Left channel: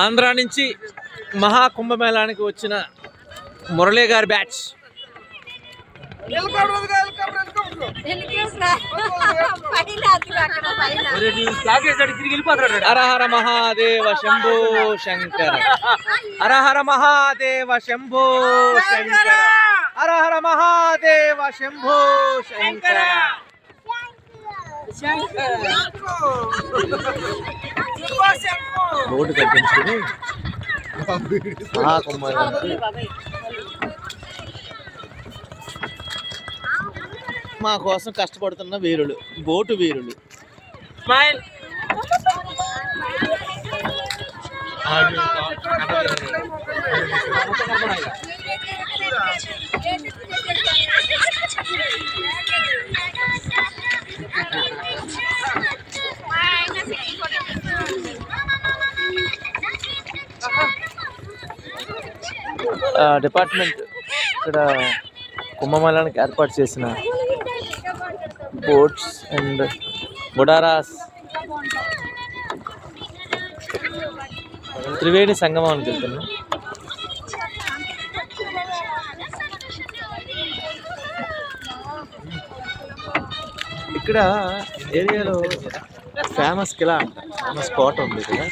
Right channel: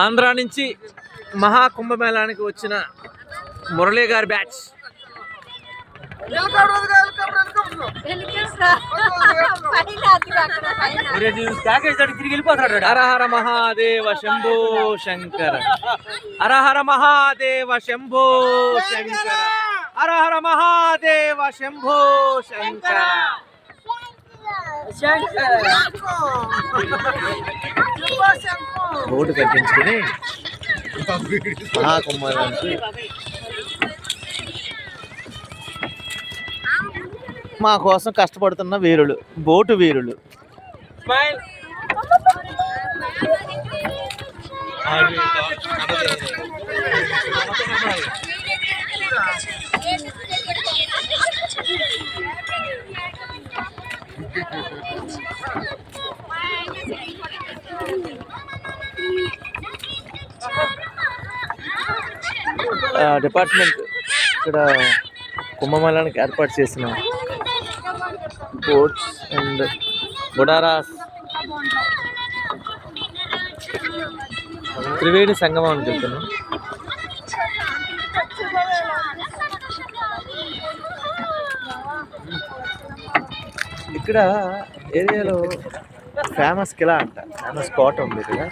ఆంధ్ర నుంచి మహాకుంభమేళానికి వచ్చిన మురళీ గారి బ్యాచ్. హర హర మహాదేవ శంభో శంకర, హర హర మహాదేవ శంభో శంకర, హర హర మహాదేవ శంభో శంకర. బోర్డు కట్టించుకుని మహాకుంభానికి మా కోసం కష్టపడుతున్న వీరులు, బోటు వీరులు. డిపార్ట్మెంట్ ఇక్కడ కుంభమేళానికి ఏర్పాటు చేసిన బోట్స్ అండ్ బుడారాస్ త్రివేణి సంగమానికి వెళ్తున్నాం. ఇక్కడ ఏరియాలో ఫేమస్ కిలా అంట, ఫేమస్ కోట ఉంది ఇక్కడ.